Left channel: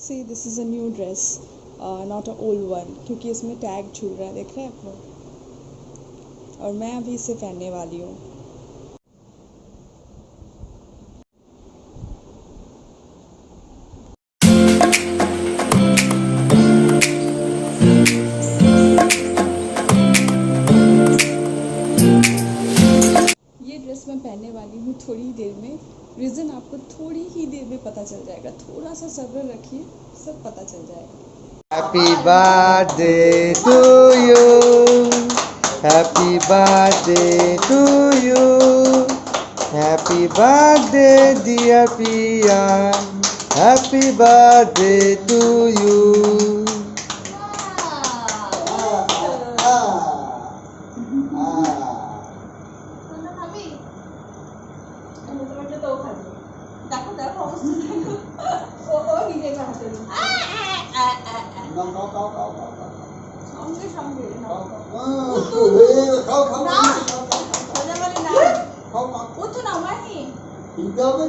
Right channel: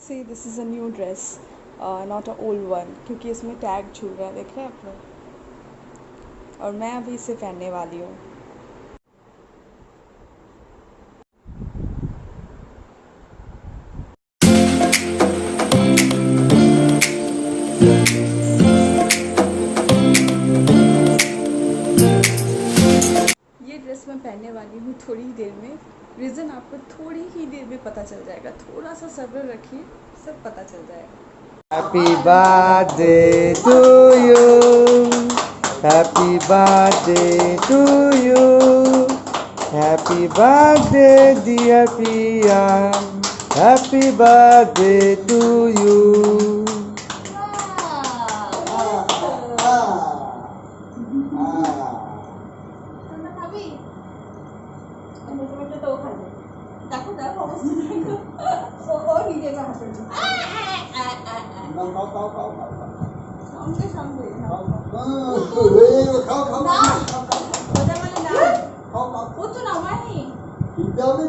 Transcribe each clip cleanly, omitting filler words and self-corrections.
See this is a new dress, not a old one, क्योंकि इसमें tag झूल रहा है, देख रहे हैं आप लोग। और मैं अभी इसे पहनने वाली हूँ। ये ड्रेस मैं पहनने वाली हूँ थोड़ी ही देर में। रीज़न आपको थोड़ी ही देर में पता चल जाएगा, थोड़ा सा सब्र रखिए, सब पता चल जाएगा। Happy birthday to you. Happy birthday to you. Happy birthday, dear Priya. Happy birthday to you. দেখো দেখো অবস্থা দেখো, ও নিজে হাতে সঙ্গে সঙ্গে না সোজা বলি না উঠো না মাহি উঠো না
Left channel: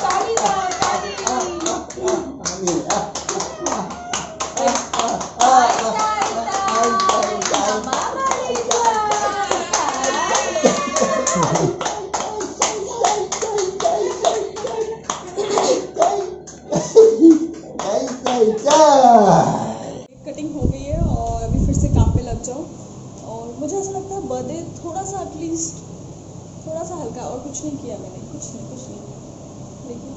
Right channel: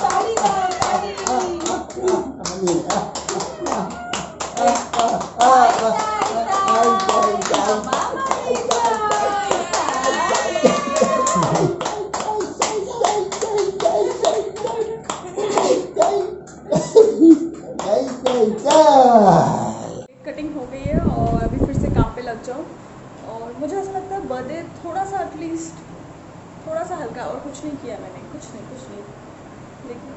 তালি দাও তালি कटिंग हो गई है और अभी फिर से काम पे लग जाओ। और मुझे ऐसा लगता है बर्थडे थोड़ा सा एटलीस्ट थोड़ा सा हल्का, और कुछ नहीं किया मैंने, कुछ नहीं लेकिन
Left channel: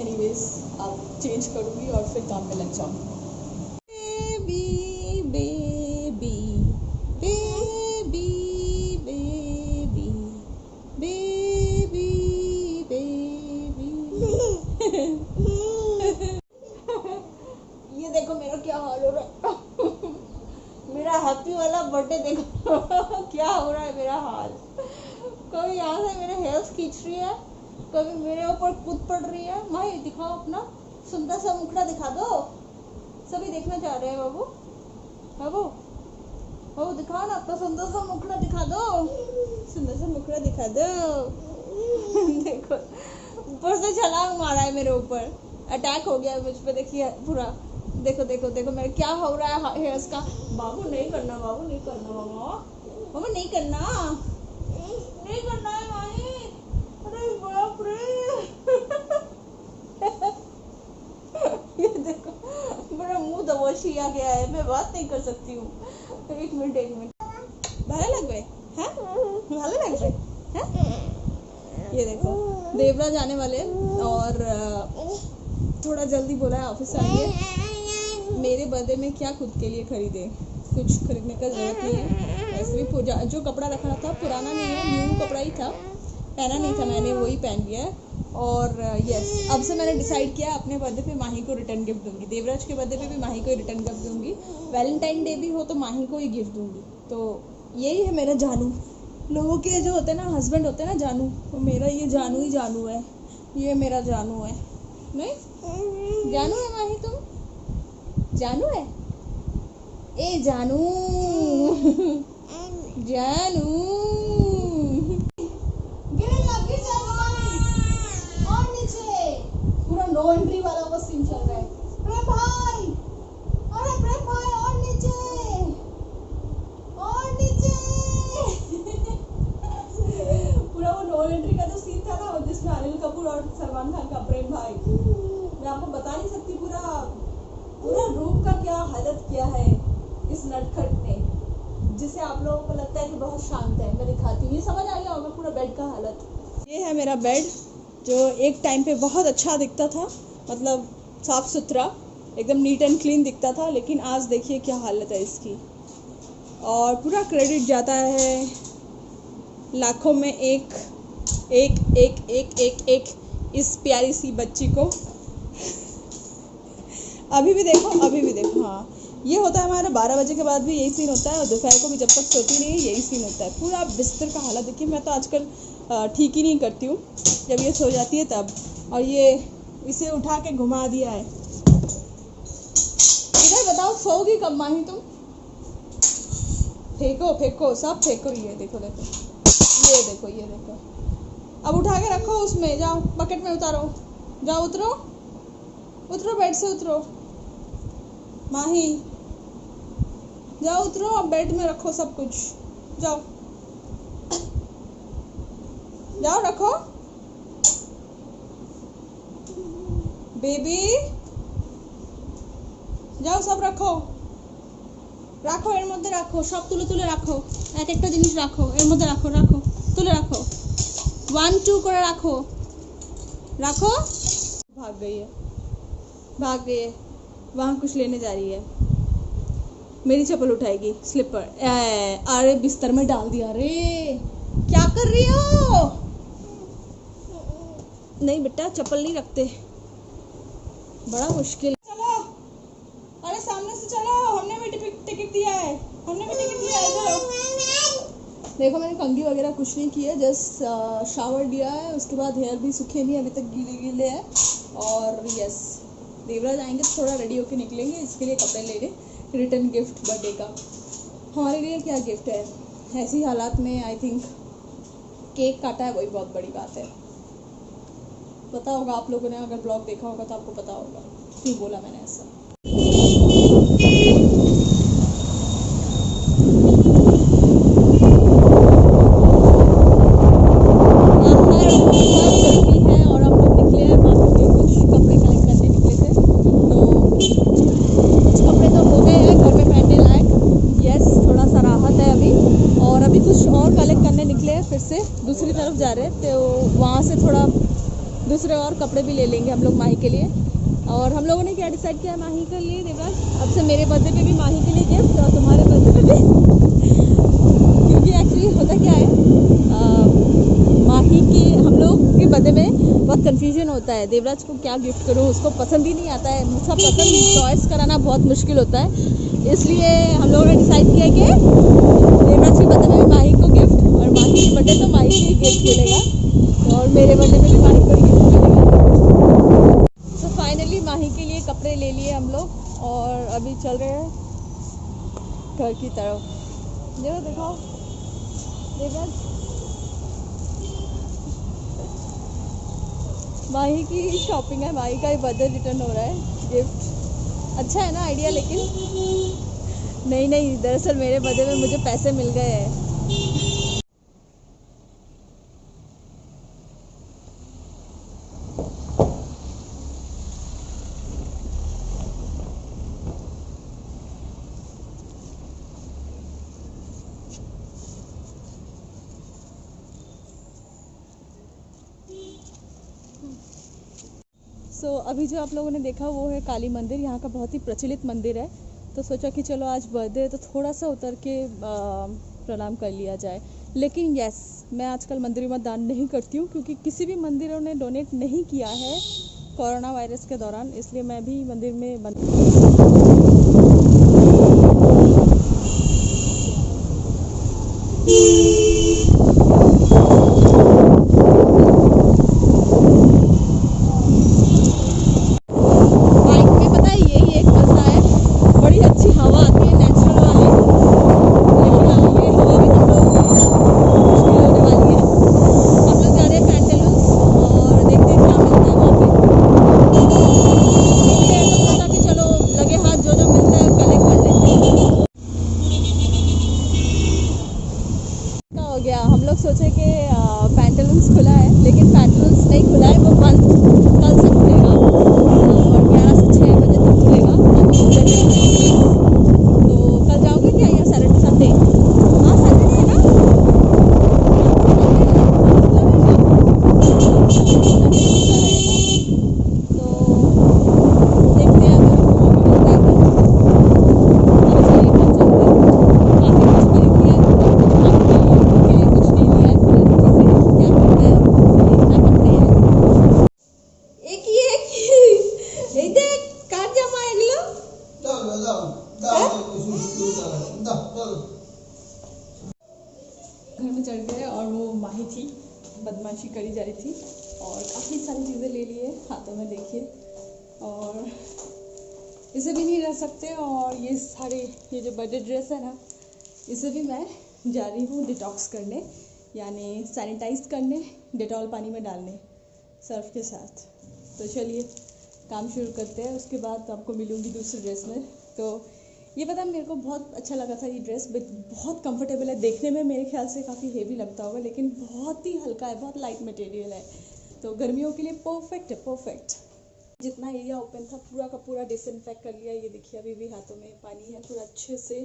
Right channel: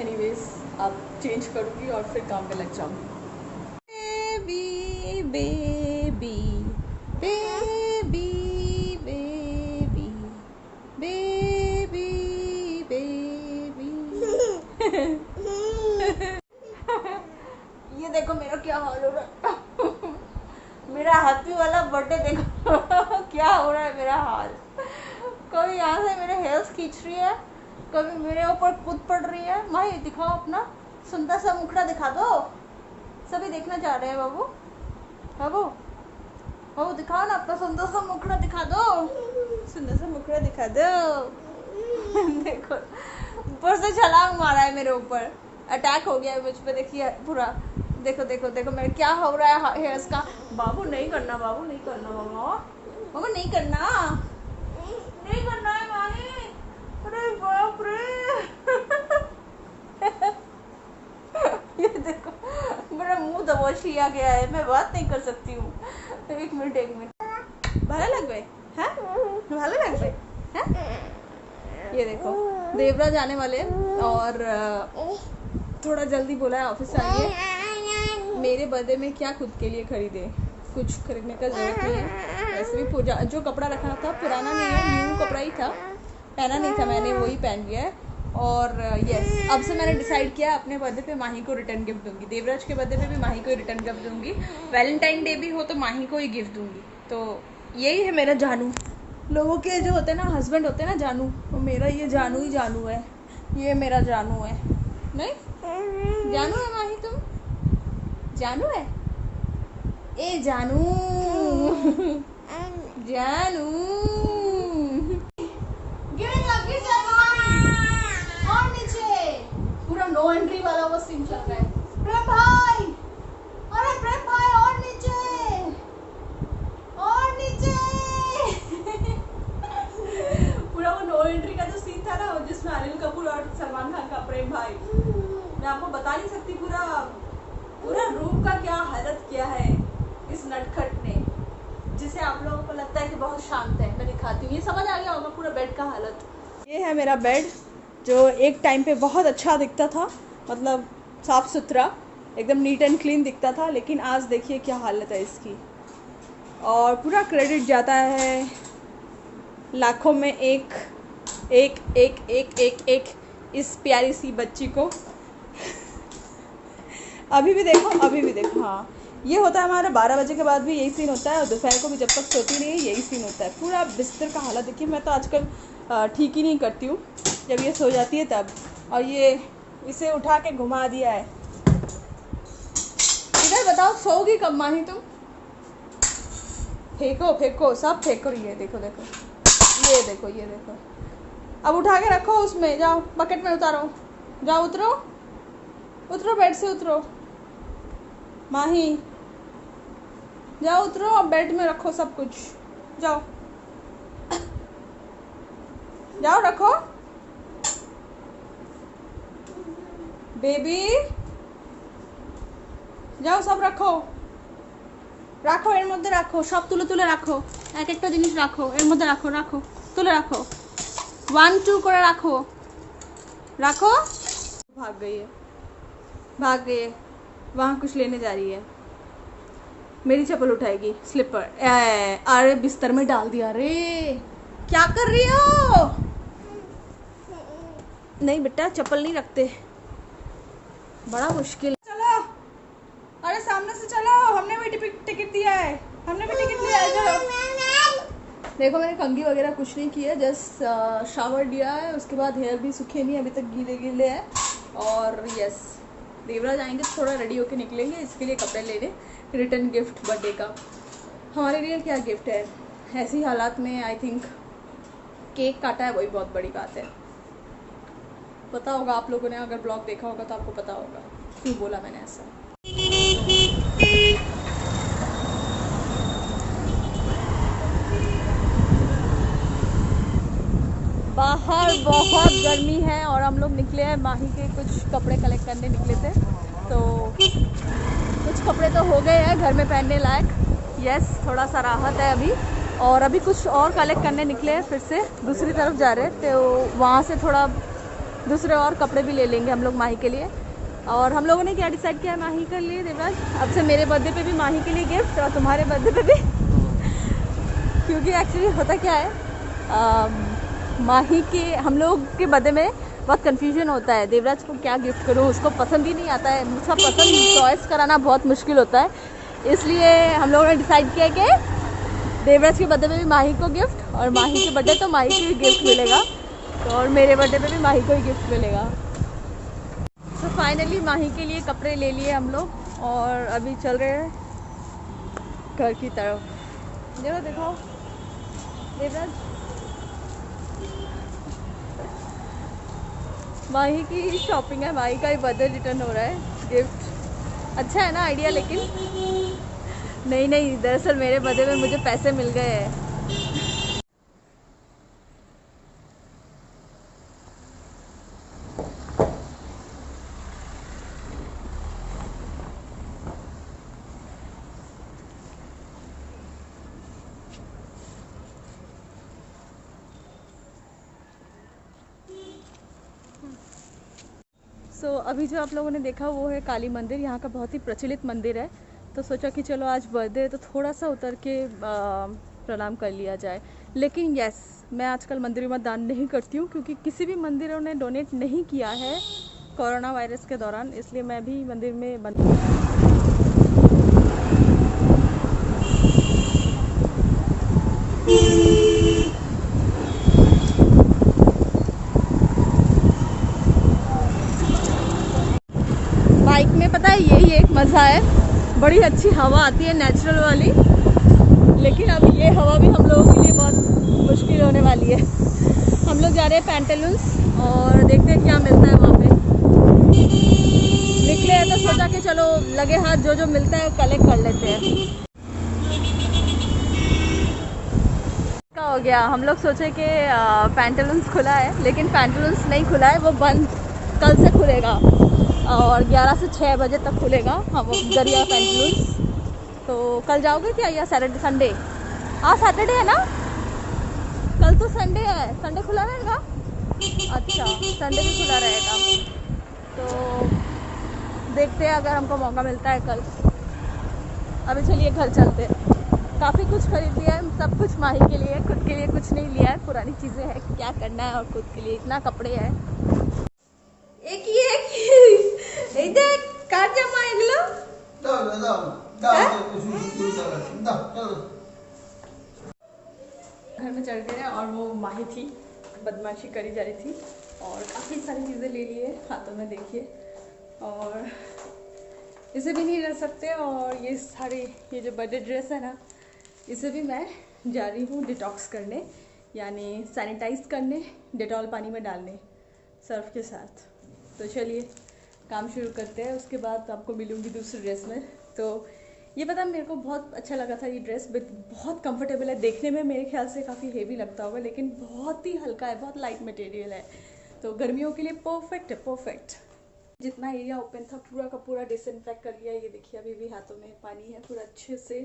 एनीवेज अब चेंज करूँगी और फिर काम पे लग जाऊँ। Baby baby baby baby baby baby ये देखो मेरा क्या हाल हो रहा है मेरा हैप्पी वाला बर्थडे देखो क्या हो रहा है मेरा हाल। कभी यहाँ से मेरे हेल्स खींच रही है, कभी मेरे ऊपर कूद पड़ रही है। माही दिखाओ अपना सुंदर सा मुखड़ा दिखा दो, सभी देखना चाह रहे हैं। बाबू बाबू बाबू दिखाओ ना अपना सुंदर सा मुखड़ा दिखा दो, सुंदर सा मुखड़ा दिखा दो देखो ऊपर से छलांग मारा है मेरे ऊपर, अटैक हो गया है मुझ पे। देखिए पूरा देखो देखो देखो मेरे क्या हो रहा है हेयर्स का। बाबू नहीं करना, बाबू नहीं करना, मामा बाबू नहीं करना, नहीं करना है माही। अरे बाप रे ये देखो मेरा मुंह दबोच लिया गया है, मैं बात नहीं कर सकती हूँ। एक मिनट भला लग गए हैं, भला लग गए हैं। ये देखो देवराज आने वाले और थोड़ा जल्दी बोला है ऑफिस से आइए। मेरे बर्थडे में क्या खुद के लिए खरीदे, कुछ खरीदने का जरूरत नहीं है। वैसे भी पूजा जो कपड़ा रखा था पुराना नहीं है, न्यू कपड़ा ही था, पहना नहीं था मैंने, वही पहन लिया है। और यस अब से मैंने डिसाइड किया अपने बर्थडे पे माही को रिटर्न गिफ्ट दूंगी। देवराज के बर्थडे पे भी माही को ही रिटर्न गिफ्ट दूंगी, वैलेंटाइन डे भी हो तो माही को ही गिफ्ट दूंगी। तो यही है मेरा जानू। लोगों के जो होते हैं ना हस्बैंड होते हैं ना जानू, तो मेरा ये जानू ही जानू है, ये मेरा जानू है। नहीं जानू है माही, तुम जानू है, ए जानू जानू और नीचे पूरा नो एंट्री वाला वो सीन चल रहा है। प्रेम भाई, अरे प्रेम भाई और नीचे और नीचे पूरा वो नो एंट्री का जो सीन था ना जिसमें अनिल कपूर और सलमान खान का प्रेम भाई, मैं आपको बता नहीं सकती पूरा पूरा रूम का क्या हालत किया है इस नटखट ने, जिसे आप लोगों को लगता है कि बहुत शांत है। मैं दिखाती हूँ, ये समझ आ गया होगा पूरा बेड का हालत। ये है मेरा बेड जो एक टाइम पे बहुत अच्छा दिखता था, मतलब साफ सुथरा एकदम नीट एंड क्लीन दिखता था, लेकिन आज देखिए क्या हालत है इसकी। और पूरा क्रेडिट जाता है लाखों में एक एक एक एक एक एक इस प्यारी सी बच्ची को अभी भी देखो हाँ ये होता है हमारा 12 बजे के बाद भी यही सीन होता है, और दोपहर को भी जब तक सोती नहीं है यही सीन होता है। पूरा बिस्तर का हालत देखिए, मैं तो आजकल ठीक ही नहीं करती हूँ जब ये सो जाती है तब। और ये इसे उठा के घुमा दिया है। इधर बताओ सोओगी कब माही तुम? फेंको फेंको, सब फेंको। ये देखो देखो, ये देखो, ये देखो। अब उठा के रखो उसमें, जाओ बकेट में उतारो, जाओ उतरो, उतरो बेड से उतरो। माही जाओ उतरो, अब बेड में रखो सब कुछ, जाओ जाओ रखो। बेबी যাও সব রাখো, রাখো এর মধ্যে রাখো, সব তুলে তুলে রাখো, এক একটা জিনিস রাখো এর মধ্যে, রাখো রাখো, তুলে রাখো, 1 2 করে রাখো, রাখो। भाग गई है, भाग गई है, वहाँ कुछ लेने जा रही है। मेरी चप्पल उठाएगी, स्लीपर। अरे बिस्तर में डाल दिया रे, क्या कर रही हो? नहीं बेटा चप्पल नहीं रखते, बड़ा मुश्किल। अरे सामने से चलो, हमने भी टिकट दिया है, हमने भी टिकट लिया है, चलो। देखो मैंने कंघी वगैरह कुछ नहीं किया, जस्ट शावर लिया है, उसके बाद हेयर भी सूखे नहीं, अभी तक गीले गीले हैं। और यस, देवराज आएंगे तो थोड़ा रेडी होके निकलेंगे, इसके लिए कपड़े लेने, रिटर्न गिफ्ट बर्थडे का। हमारे लिए क्या गिफ्ट है, ऐसी हालात में आई थिंक केक काटा है, वही बहुत बड़ी बात है। पता होगा आप लोगों ने, अगर ब्लॉग देखा होगा तो आपको पता होगा क्यों बोला मैंने ऐसा। बाहर बहुत गर्मी है और हम लोग निकले हैं माही के कुछ कपड़े कलेक्ट करने निकले थे, तो कुछ कपड़े तो हो गए हैं घर में पहनने लायक। यस, थोड़ा सा राहत है अभी, और अभी कुछ और कलेक्ट करने निकले हैं, फिर से दूसरी तरफ जा रहे हैं, तो वहाँ से थोड़ा दूसरे और कपड़े भी ले लेंगे हम लोग माही के लिए। और हम लोगों ने क्या डिसाइड किया है माही के लिए, देवराज, अब से मेरे बर्थडे पे भी माही के लिए गिफ्ट और तुम्हारे बर्थडे पे भी क्योंकि एक्चुअली होता क्या है, माही के हम लोग के बर्थडे में बहुत कन्फ्यूजन होता है, देवराज को क्या गिफ्ट करूँ, उसको पसंद ही नहीं आता है, मुझसे पसंद चॉइस कराना बहुत मुश्किल होता है। इसलिए हम लोगों ने डिसाइड किया कि देवराज के बर्थडे में भी माही को गिफ्ट, और माही के बर्थडे तो माही को ही गिफ्ट मिलेगा, और मेरे बर्थडे में भी माही को ही गिफ्ट मिलेगा। तो फाइनली माही के लिए कपड़े ले लिए हम लोग, और अभी चल रहे हैं घर की तरफ। देखो देखो देवराज, माही की शॉपिंग है, माही का ही बर्थडे रिटर्न हो रहा है, गिफ्ट अच्छा है ना आइडिया। लेकिन नहीं, दरअसल मेरे बर्थडे में मुझे पैसे मिल गए हैं। सो अभी जो आप लोगों ने देखा वो है काली मंदिर, यहाँ का बहुत ही प्रचलित मंदिर है, तो सोचा कि चलो आज बर्थडे है तो थोड़ा सा उतर के प्रणाम कर लिया जाए। लेकिन यस, मैं आजकल मंदिरों में दान नहीं करती हूँ, क्योंकि किसी भी मंदिरों ने डोनेट नहीं किया है कोरोना वायरस के दौरान, इसलिए मैं भी मंदिर में बड़ी अच्छी हवा आती है, नेचुरल वाली। लेकिन अब ये हवा भी हम लोगों के लिए बहुत मुश्किल होने वाली है। हम लोग जा रहे हैं पैंटालून्स और देखते हैं क्या मिलता है वहाँ पे। निकले हैं तो सोचा कि चलो लगे हाथ जो जो मिलता है कलेक्ट कर लेते हैं। क्या हो गया, हम लोग सोचे कि पैंटालून्स खुला है, लेकिन पैंटालून्स नहीं खुला है, वो बंद, कल से खुलेगा और 11 से 6 बजे तक खुलेगा। हम दरिया पैंटालून्स, तो कल जाओगे क्या, या सैटरडे संडे? हाँ सैटरडे है ना, कल तो संडे है, संडे खुला रहेगा। अच्छा, संडे भी खुला रहेगा, तो देखते हैं अगर हमको मौका मिलता है कल। अभी चलिए कल चलते हैं। काफ़ी कुछ खरीद लिया है, सब कुछ खाने के लिए, खुद के लिए कुछ नहीं लिया है, पुरानी चीज़ें क्या करना है, और खुद के लिए इतना कपड़े हैं। घर में चढ़ गए और वो माही थी, बदमाशी करी जा रही थी और काफ़ी सारी चीज़ें ले लिए हाथों में, देखिए, और इसे भी नहीं रह सकते। और ये सारी, ये जो बर्थडे ड्रेस है ना, इसे भी मैं जा रही हूँ डिटॉक्स करने, यानी सैनिटाइज करने, डेटॉल पानी में डालने सर्फ के साथ। तो चलिए काम शुरू करते हैं, उसके बाद आपको मिलूँगी दूसरी ड्रेस में। तो ये पता मेरे को बहुत अच्छा लगा था ये ड्रेस, बहुत कंफर्टेबल है, देखने में मेरे ख्याल से काफ़ी हेवी लगता होगा लेकिन बहुत ही हल्का है, बहुत लाइट मटेरियल है, तो गर्मियों के लिए परफेक्ट है, परफेक्ट। जितना एरिया ओपन था पूरा का पूरा डिसइंफेक्ट कर लिया। ये देखिए अभी भी हाथों में पानी है, पूरा अच्छे से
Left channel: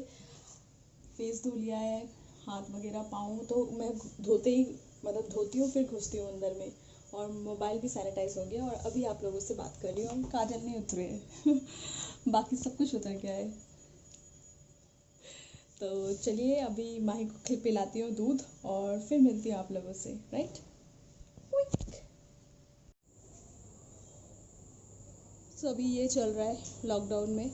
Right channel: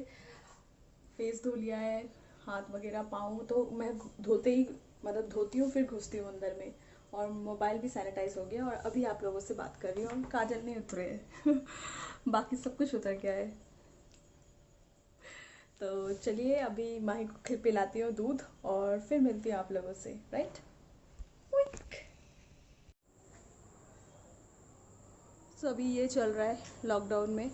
फेस धो लिया है, हाथ वगैरह पाँव तो मैं धोते ही मतलब धोती हूँ फिर घुसती हूँ अंदर में, और मोबाइल भी सैनिटाइज हो गया। और अभी आप लोगों से बात कर रही हूँ, काजल नहीं उतरे हैं बाकी सब कुछ उतर गया है। तो चलिए अभी माही को पिलाती हूँ दूध और फिर मिलती हूँ आप लोगों से, राइट। तो अभी ये चल रहा है लॉकडाउन में,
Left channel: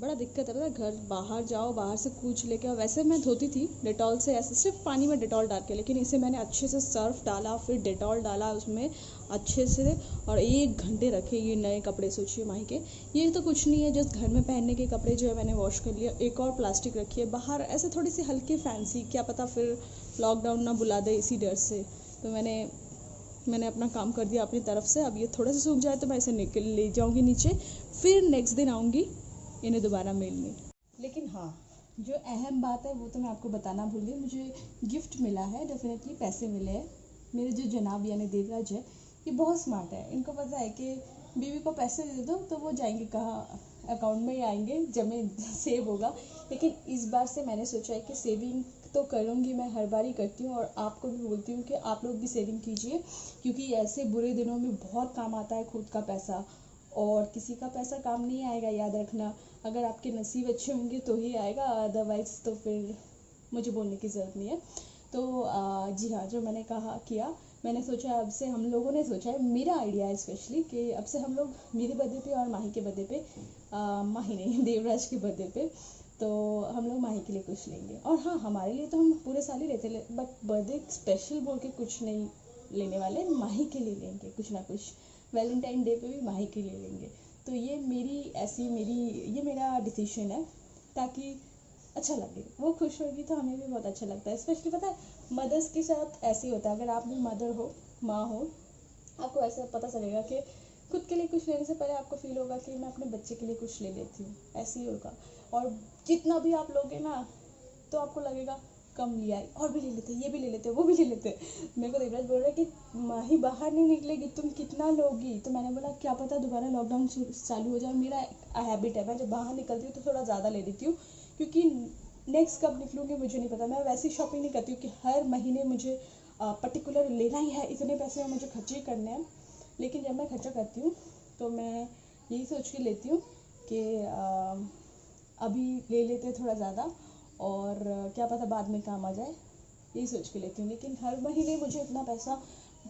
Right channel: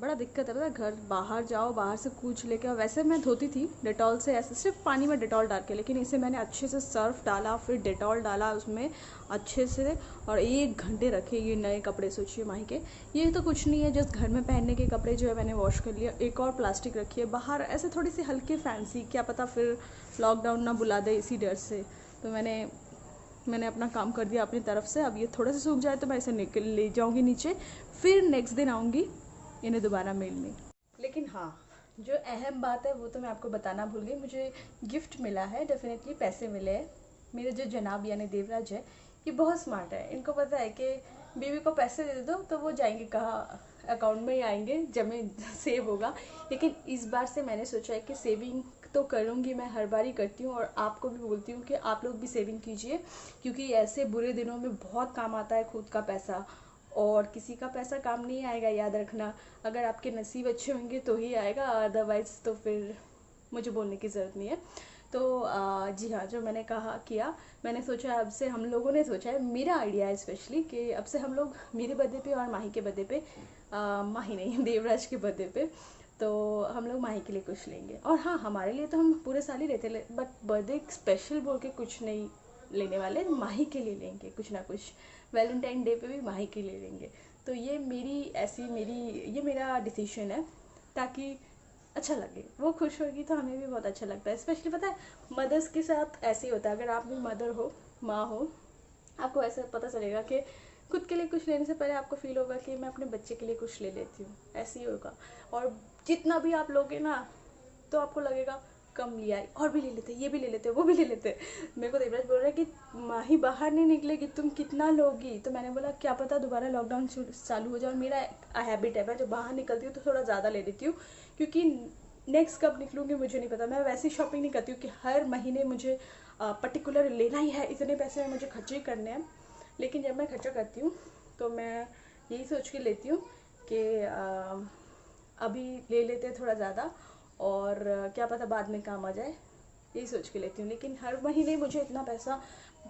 बड़ा दिक्कत है पता है, घर बाहर जाओ, बाहर से कुछ लेके आओ। वैसे मैं धोती थी डेटॉल से, ऐसे सिर्फ पानी में डेटॉल डाल के, लेकिन इसे मैंने अच्छे से सर्फ डाला, फिर डेटॉल डाला उसमें अच्छे से, और 1 घंटे रखे ये नए कपड़े। सोचिए माही के, ये तो कुछ नहीं है, जस्ट घर में पहनने के कपड़े जो है मैंने वॉश कर लिया। एक और प्लास्टिक रखी है बाहर, ऐसे थोड़ी सी हल्की फैंसी, क्या पता फिर लॉकडाउन ना बुला दे इसी डर से। तो मैंने अपना काम कर दिया अपनी तरफ से। अब ये थोड़ा सा सूख जाए तो मैं इसे निकल ले जाऊँगी नीचे, फिर नेक्स्ट दिन आऊँगी इन्हें दोबारा मिलने। लेकिन हाँ, जो अहम बात है वो तो मैं आपको बताना भूल गई, मुझे गिफ्ट मिला है, डेफिनेटली पैसे मिले हैं। मेरे जो जनाब यानी देवराज है, ये बहुत स्मार्ट है, इनको पता है कि बीवी को पैसे दे दो तो वो जाएंगे कहाँ, अकाउंट में ही आएंगे, जमे सेव होगा। लेकिन इस बार से मैंने सोचा है कि सेविंग तो करूँगी, मैं हर बार ही करती हूँ, और आपको भी बोलती हूँ कि आप लोग भी सेविंग कीजिए, क्योंकि ऐसे बुरे दिनों में बहुत काम आता है खुद का पैसा, और किसी का पैसा काम नहीं आएगा, याद रखना। अगर आपके नसीब अच्छे होंगे तो ही आएगा, अदरवाइज़ तो फिर मुझे बोलने की ज़रूरत नहीं है। तो जी हाँ, जो मैंने मैंने सोचा, अब से हम लोगों ने सोचा है, मेरा आइडिया है स्पेशली, कि अब से हम लोग मेरे बर्थडे पे और माही के बर्थडे पे, माही नहीं देवराज के बर्थडे पे, तो हम लोग माही के लिए कुछ लेंगे। और हाँ, हमारे लिए तो हम पूरे साल ही रहते, बट बर्थडे स्पेशल बोल के कुछ नहीं लेने वाले, माही के लिए लेंगे कुछ ना कुछ। वैलेंटाइन डे पे भी माही के लिए लेंगे। तो ये मेरा डिसीजन है, ताकि अच्छा लगे, वो खुश होगी तो हमें भी बहुत अच्छा लगता है। स्पेशली पता है, मदर्स के साथ ऐसे ही होता है, अगर आप भी मदर हो, माँ हो, आपको ऐसे पता चलेगा कि खुद के लिए कुछ लेने से पहले आपको फील होगा कि मैं अपने बच्चे के लिए कुछ ले लेती हूँ, ऐसे ही होगा। और जितना भी आप लोगे ना, तो आपको लगेगा कम लिया है, और भी ले लेते, ये भी ले लेते, वो भी ले लेते। मेरे को देवराज बोल रहा है कि माही बाहर नहीं निकलेगी, तुम कितना लोगी? तो मैंने बोला क्या पता दोबारा लॉकडाउन चालू हो जाए। मेरा हैबिट है, मैं जब बाहर निकलती हूँ तो थोड़ा ज़्यादा ले लेती हूँ, क्योंकि नेक्स्ट कब निकलूँगी मुझे नहीं पता। मैं वैसी शॉपिंग नहीं करती हूँ कि हर महीने मुझे पर्टिकुलर लेना ही है, इतने पैसे में मुझे खर्चे करने हैं। लेकिन जब मैं खर्चा करती हूँ तो मैं यही सोच के लेती हूँ कि अभी ले लेते हैं थोड़ा ज़्यादा, और क्या पता बाद में काम आ जाए, यही सोच के लेती हूँ। लेकिन हर महीने मुझे इतना पैसा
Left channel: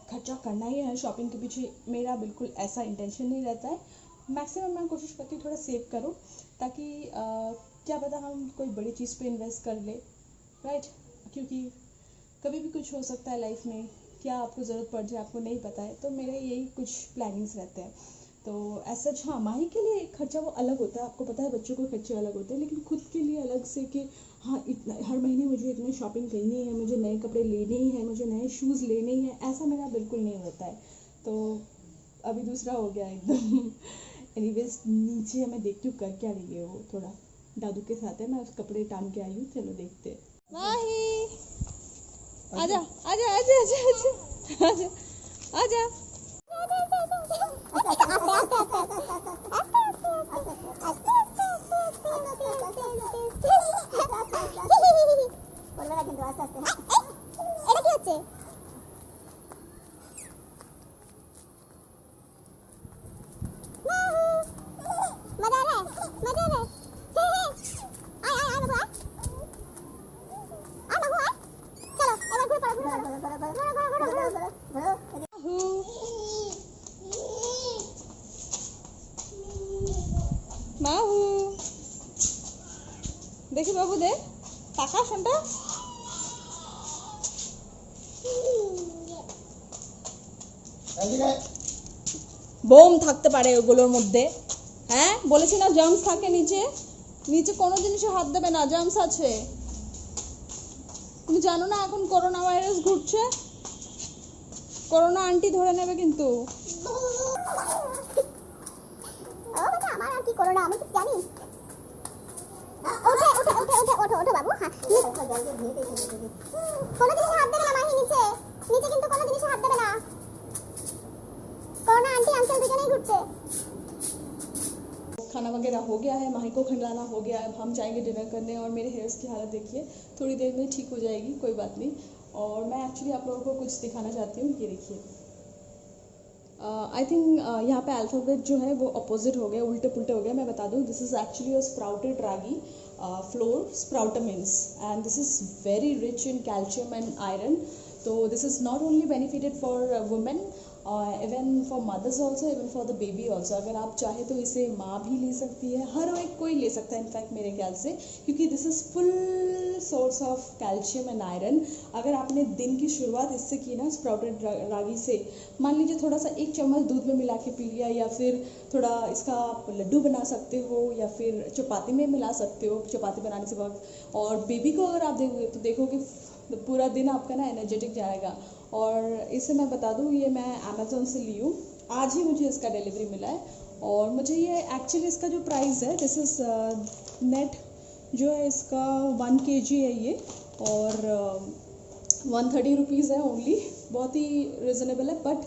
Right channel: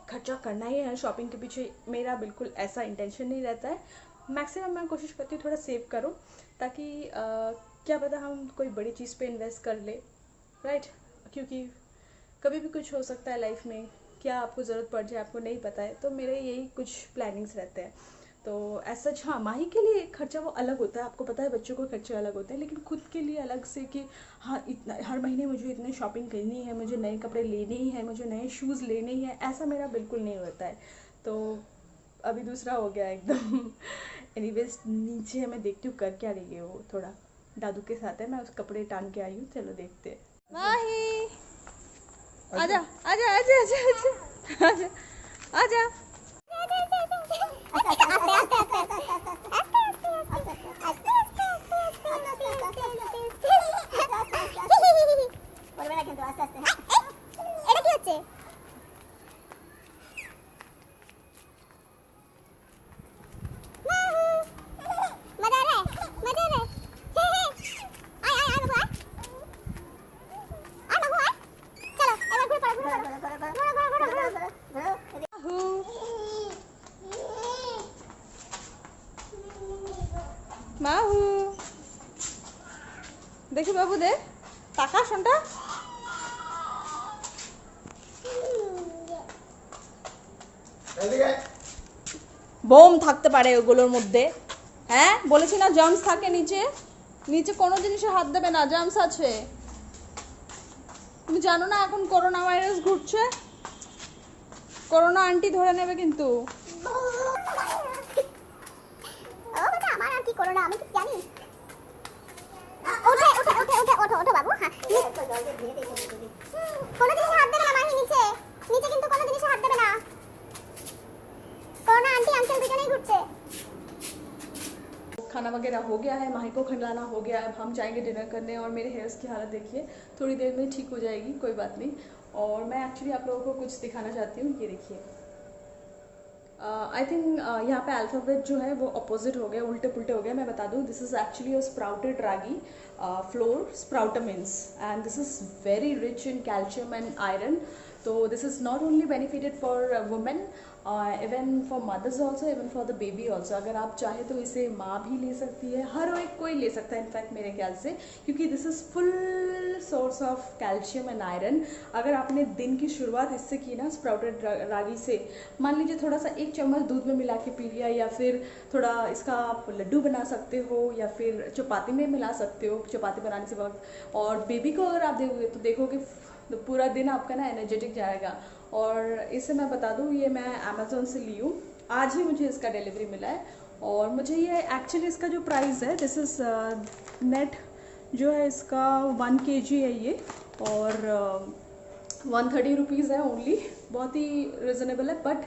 खर्चा करना ही है शॉपिंग के पीछे, मेरा बिल्कुल ऐसा इंटेंशन नहीं रहता है। मैक्सिमम मैं कोशिश करती हूँ थोड़ा सेव करूँ, ताकि क्या पता हम कोई बड़ी चीज़ पे इन्वेस्ट कर ले, राइट। क्योंकि कभी भी कुछ हो सकता है लाइफ में, क्या आपको ज़रूरत पड़ जाए आपको नहीं पता है। तो मेरे यही कुछ प्लानिंग्स रहते हैं। तो ऐसा हाँ, माही के लिए खर्चा वो अलग होता है, आपको पता है बच्चों को खर्चे अलग होते हैं, लेकिन खुद के लिए अलग से कि हाँ इतना हर महीने मुझे इतनी शॉपिंग करनी है, मुझे नए कपड़े लेने ही है, मुझे नए शूज़ लेने ही है, ऐसा मेरा बिल्कुल नहीं होता है। तो अभी दूसरा हो गया एकदम एनीवेज, नीचे मैं देखती हूँ कर क्या रही है वो, थोड़ा दादू के साथ है, मैं उस कपड़े टांग के आई हूँ, चलो देखते हैं। माही आजा आजा आजा आजा आजा आजा মাহু দেখি বাবু দে টাকা শোনটা বোম থাকতে পারে ওগুলোর মধ্যে। হ্যাঁ বলেছি না জার্মস থাকে নিচে, নিচে কোনো জিনিসে হাত দেবে না, জার্মস আছে। তুমি জানো না এখন করোনা ভাইরাস ঘুরছে, করোনা আন্টি ধরে নেবে কিন্তু। ও বাবা আমার আর কি করোনা আমি তো জানি। ওঠে ওঠে ওঠে ওঠে ওঠো ওঠো বাবু। হ্যাঁ কোনো জিনিসে হাত দেবে না মাহি, নিচে নিচে কিন্তু কোনো জিনিসে হাত দেবে না। করোনা आंटी अंकल দুজনেই ঘুরছে। खाना वगैरह हो गया है, माही को खिलाना हो गया है, अब हम जाएंगे डिनर करने। और मेरे हेयर्स की हालत देखिए, थोड़ी देर में ठीक हो जाएगी, कोई बात नहीं। और मैं एक्चुअली आप लोगों को कुछ दिखाना चाहती हूँ, ये देखिए। आई थिंक यहाँ पे अल्फ़ाबेट जो है वो अपोजिट हो गया, उल्टे पुल्टे हो गए। मैं बता दूँ, this is actually a sprouted ragi flour Sproutamins, and this is very rich in calcium and iron. तो this is not only benefited for women, even for mothers also, even for the baby also. अगर आप चाहे तो इसे माँ भी ले सकती है, हर एक कोई ले सकता है इनफैक्ट मेरे ख्याल से, क्योंकि this is full source of calcium and iron. अगर आपने दिन की शुरुआत इससे की ना, स्प्राउटेड रागी से, मान लीजिए थोड़ा सा 1 चम्मच दूध में मिला के पी लिया, या फिर थोड़ा इसका आप लड्डू बना सकते हो, या फिर चपाती में मिला सकते हो चपाती बनाने से वक्त। और बेबी को अगर आप देखोगे तो देखोगे तो पूरा दिन आपका ना एनर्जेटिक जाएगा। और इसे मैं बता दूँ, ये मैं अमेज़ोन से ली हूँ, आज ही मुझे इसका डिलीवरी मिला है। और मुझे ये एक्चुअली इसका जो प्राइस है, दिस इज़ नेट जो है इसका 1 kg है ये, और 130 रुपीज़ है ओनली, बहुत ही रिजनेबल है। बट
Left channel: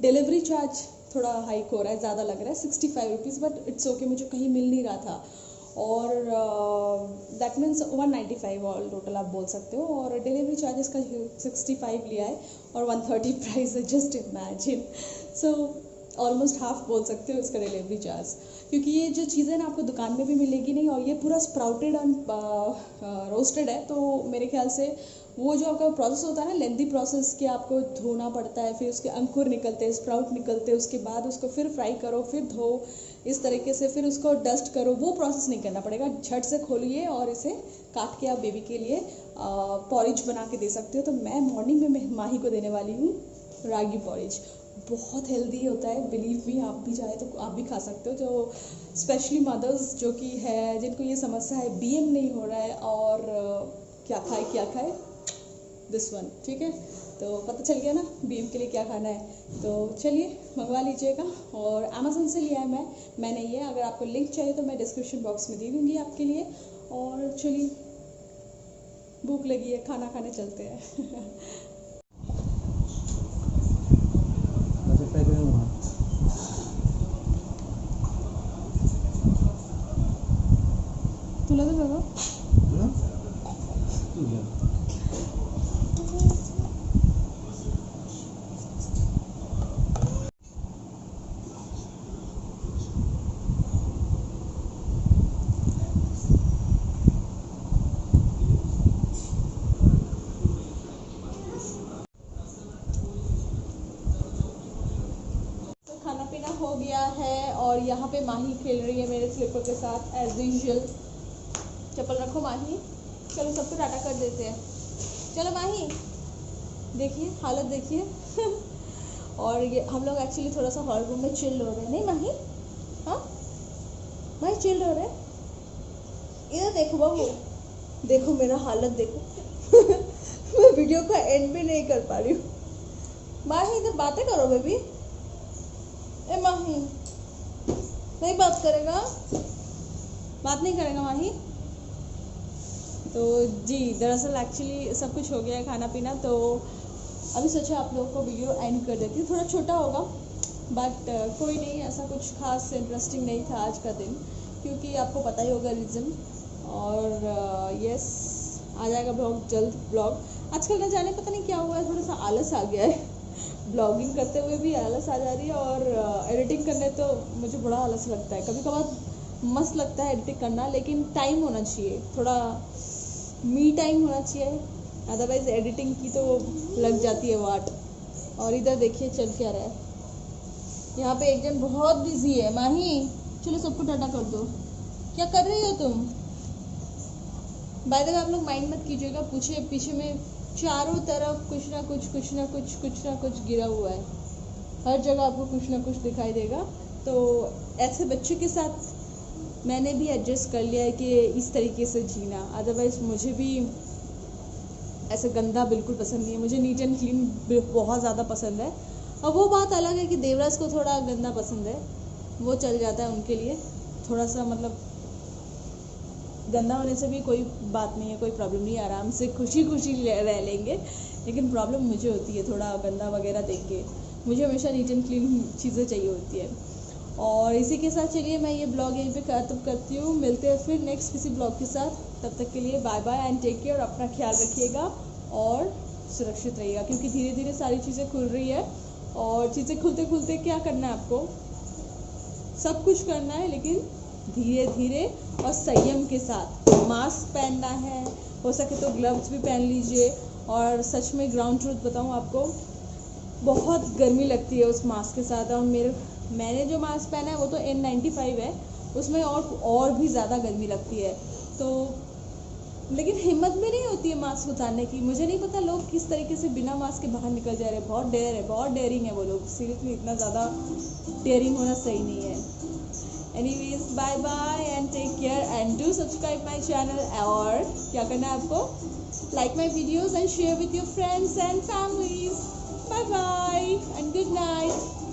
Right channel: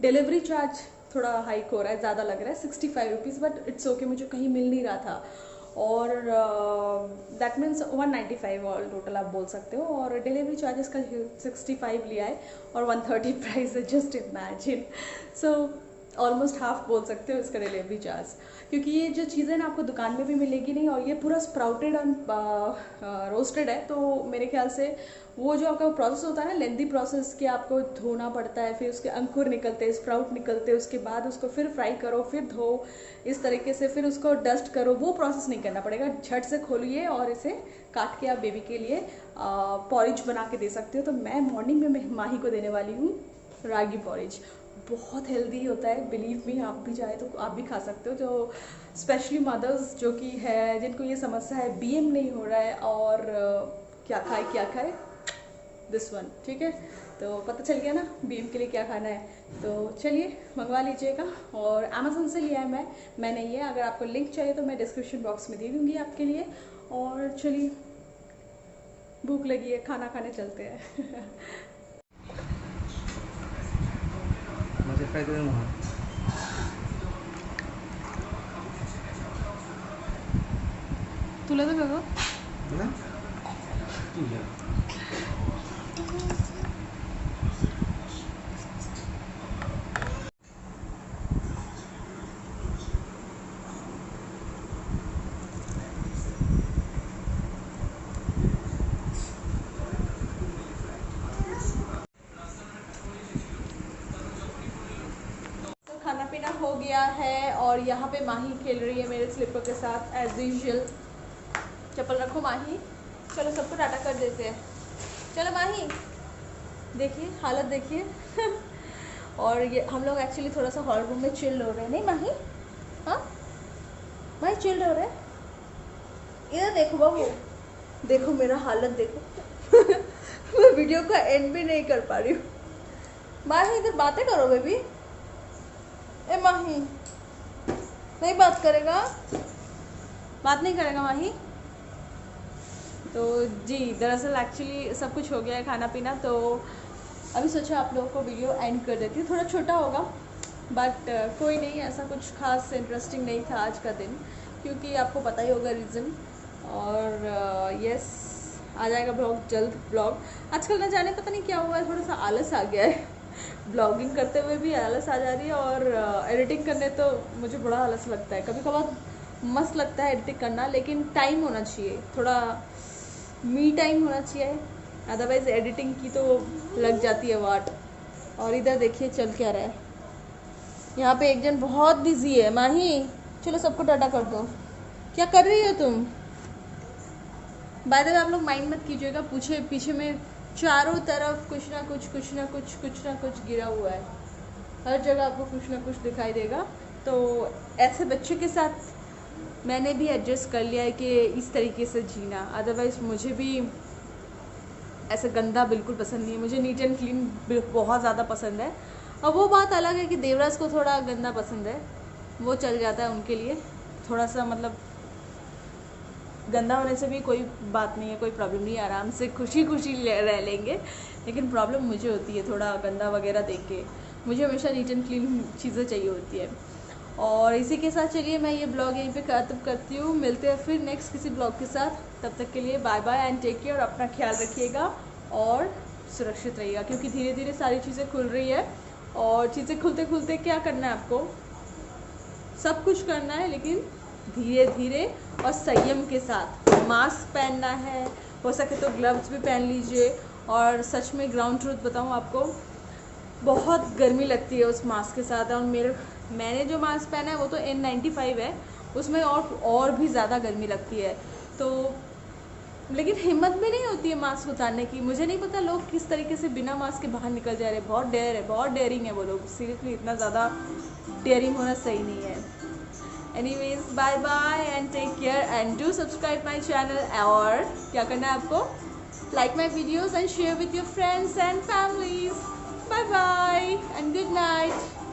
डिलीवरी चार्ज थोड़ा हाइक हो रहा है, ज़्यादा लग रहा है 65 रुपीज़, बट इट्स ओके, मुझे कहीं मिल नहीं रहा था। और दैट मीन्स 195 ऑल टोटल आप बोल सकते हो। और डिलीवरी चार्ज इसका 65 लिया है और 130 प्राइस है, just imagine. So almost half बोल सकते हो इसका डिलीवरी चार्ज, क्योंकि ये जो चीज़ें ना आपको दुकान में भी मिलेगी नहीं, और ये पूरा स्प्राउटेड एंड रोस्टेड है। तो मेरे ख्याल से वो जो आपका प्रोसेस होता है ना, लेंथी प्रोसेस, कि आपको धोना पड़ता है, फिर उसके अंकुर निकलते हैं, स्प्राउट निकलते हैं, उसके बाद उसको फिर फ्राई करो, फिर धो, इस तरीके से फिर उसको डस्ट करो, वो प्रोसेस नहीं करना पड़ेगा। झट से खोलिए और इसे काट के आप बेबी के लिए पॉरिज बना के दे सकते हो। तो मैं मॉर्निंग में माही को देने वाली हूँ रागी पॉरिज, बहुत हेल्दी होता है, बिलीव मी। आप भी चाहे तो आप भी खा सकते हो, जो स्पेशली मदर्स जो कि है, जिनको ये समस्या है BM नहीं हो रहा है, और क्या खाए दिस वन, ठीक है। तो पता चल गया ना BM के लिए क्या खाना है। तो चलिए मंगवा लीजिएगा, और अमेज़न से लिया है मैंने ये। अगर आपको लिंक चाहिए तो मैं डिस्क्रिप्शन बॉक्स में दे दूँगी आपके लिए। और चलिए, भूख लगी है, खाना खाने चलते हैं। तुला तर बघ खाना पीना हो गया है, और यहाँ पे माही खेल रही है मेरे स्लीपर के साथ एज यूजुअल। चप्पल रखो माही, चलो सबको टाटा कर देते हैं। चलो माही, देखिए हालत देखिए। और ये हम लोग एक्चुअली थोड़ा सा हॉल रूम में चिल हो रहे हैं, नहीं माही? हाँ माही चिल हो रहे हैं। इधर देखो बाबू, देखो मेरा हालत देखो। मैं वीडियो का एंड भी नहीं कर पा रही हूँ। माही इधर बातें करो बेबी। ए माही, नहीं बात करेगा, बात नहीं करेगा माही। तो जी, दरअसल एक्चुअली सब कुछ हो गया है, खाना पीना। तो अभी सोचा आप लोगों को वीडियो एंड कर देती हूँ, थोड़ा छोटा होगा, बट कोई नहीं, ऐसा कुछ खास इंटरेस्टिंग नहीं था आज का दिन, क्योंकि आपको पता ही होगा रीज़न। और यस, आ जाएगा ब्लॉग जल्द। ब्लॉग आजकल न जाने पता नहीं क्या हुआ है, थोड़ा सा आलस आ गया है। ब्लॉगिंग करते हुए भी आलस आ जा रही है, और एडिटिंग करने तो मुझे बड़ा आलस लगता है। कभी कभार मस्त लगता है एडिटिंग करना, लेकिन टाइम होना चाहिए, थोड़ा मी टाइम होना चाहिए, अदरवाइज़ एडिटिंग की तो लग जाती है वाट। और इधर देखिए चल क्या रहा है, यहाँ पे एक जन बहुत बिजी है। माही चलो सबको टाटा कर दो। क्या कर रही हो तुम? बाय द वे आप लोग माइंड मत कीजिएगा, पीछे में चारों तरफ कुछ ना कुछ गिरा हुआ है, हर जगह आपको कुछ ना कुछ दिखाई देगा। तो ऐसे बच्चे के साथ मैंने भी एडजस्ट कर लिया है कि इस तरीके से जीना, अदरवाइज़ मुझे भी ऐसे गंदा बिल्कुल पसंद नहीं है मुझे, नीट एंड क्लीन बहुत ज़्यादा पसंद है। अब वो बात अलग है कि देवराज को थोड़ा गंदा पसंद है, वो चल जाता है उनके लिए थोड़ा सा, मतलब गंदा होने से भी कोई बात नहीं है, कोई प्रॉब्लम नहीं है, आराम से खुशी खुशी रह लेंगे। लेकिन प्रॉब्लम मुझे होती है थोड़ा गंदा वगैरह देख के, मुझे हमेशा नीट एंड क्लीन चीज़ें चाहिए होती है। और इसी के साथ चलिए मैं ये ब्लॉग यहीं पे ख़त्म करती हूँ, मिलते हैं फिर नेक्स्ट किसी ब्लॉग के साथ। तब तक के लिए bye bye and take care, अपना ख्याल रखिएगा और सुरक्षित रहिएगा, क्योंकि धीरे धीरे सारी चीज़ें खुल रही है। और चीज़ें खुलते खुलते क्या करना है आपको, सब कुछ करना है लेकिन धीरे धीरे और संयम के साथ। मास्क पहनना है, हो सके तो ग्लव्स भी पहन लीजिए। और सच में ग्राउंड ट्रूथ बताऊँ आपको, बहुत गर्मी लगती है उस मास्क के साथ। और मैंने जो मास्क पहना है वो तो N95 है, उसमें और भी ज़्यादा गर्मी लगती है। तो लेकिन हिम्मत भी नहीं होती है मास्क उतारने की। मुझे नहीं पता लोग किस तरीके से बिना मास्क के बाहर निकल जा रहे हैं। बहुत डेयर है, बहुत डेयरिंग है वो लोग। सीरियसली इतना ज़्यादा डेयरिंग होना सही नहीं है। Anyways bye bye and take care and do subscribe my channel. और क्या करना है आपको, like my videos and share with your friends and families. Bye bye and good night.